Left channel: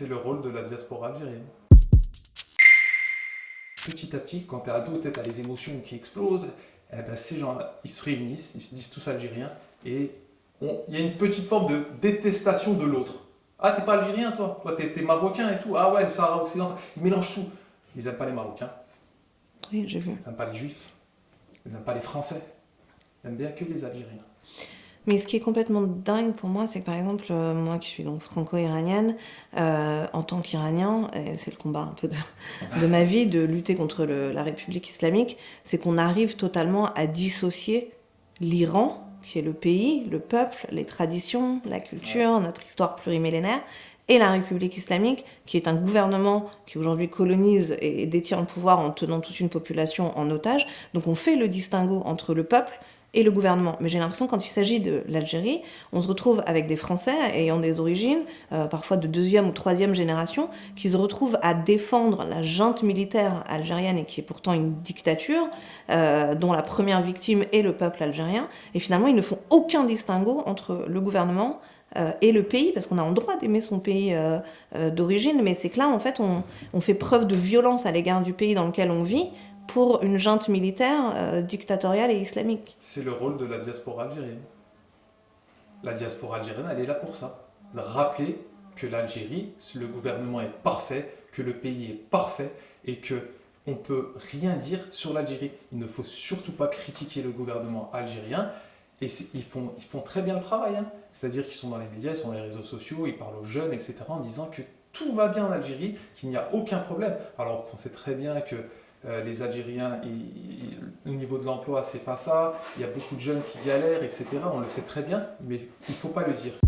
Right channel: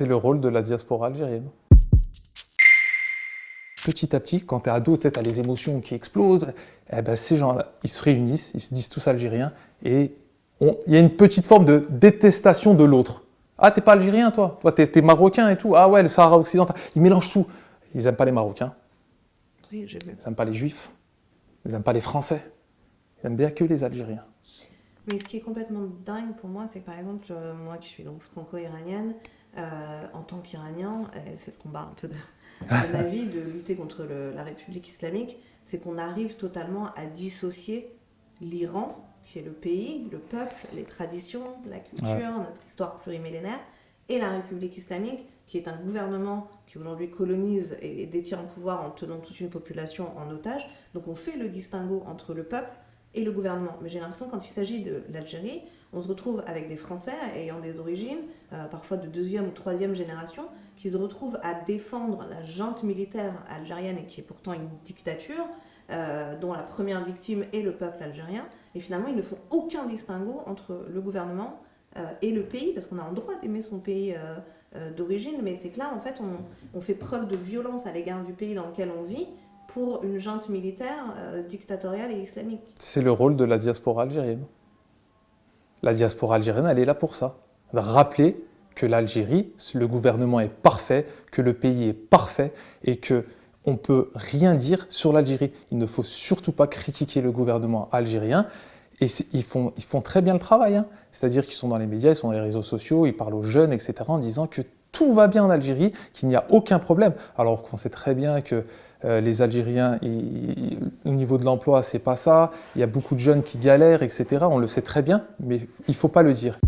C'est le rôle de la diaspora algérienne. Petit à petit, quand tu es ado, tu as les émotions qui explosent, eh ben, ces gens-là, ils se réunissent, ils se disent tous algériens, et il y a une petite forme de détestation de l'autre. Ah, t'es pas algérien, toi? Toi, t'es marocain et tout. Ah ouais, le Sahara occidental. Ils mélangent tout. Ils n'aiment pas les Marocains, Oui, j'ai vu. ils n'aiment pas les Juifs, ils n'aiment pas les Français. Ils aiment bien que les Algériens. Mais ce qui est complètement dingue pour moi, c'est que par exemple, moi qui suis donc franco-iranienne, en tant qu'Iranien, et c'est le combat un peu de ma vie, de lutter contre la République islamique, c'est qu'on arrive totalement à dissocier l'Iran, qui est le pays, le peuple, les traditions, la culture, Ouais. notre histoire plurimillénaire, et la République islamique, qui est un gouvernement qui aujourd'hui colonise et détient le pouvoir en tenant toute une population en otage. Donc on fait le distinguo entre le peuple et le gouvernement. Mais j'ai l'impression que quand il s'agit de l'Algérie, on se retrouve avec des Français ayant des origines, parfois de deuxième ou troisième génération, qui se retrouvent à défendre la junte militaire algérienne et qui est pourtant une dictature, dont la première victime est le peuple algérien. Et finalement, ils ne font aucun distinguo entre le gouvernement et le pays, parce qu'on a le droit d'aimer son pays d'origine, mais c'est que là, en fait, on fait preuve de violence à l'égard du pays dans lequel on vit pour une junte militaire dictatoriale et islamique. C'est le rôle de la diaspora algérienne. La diaspora algérienne, elle est là pour ça. Rappeler que l'Algérie, le gouvernement est parfait, que le pays est parfait et que on ne peut rien dire sur l'Algérie. Il ne faut surtout pas critiquer le gouvernement algérien. Et ils font très bien le travail. Hein. C'est-à-dire qu'ils sont dans les médias, ils sont dans les réseaux sociaux, ils parlent aux jeunes, etc. en disant que tout va bien en Algérie, qu'il n'y a aucun problème. Alors qu'on sait très bien que les Algériens, au niveau de l'emploi, c'est pas ça. Il y a beaucoup de jeunes qui galèrent, etc. On le sait très bien, mais il ne faut pas le dire.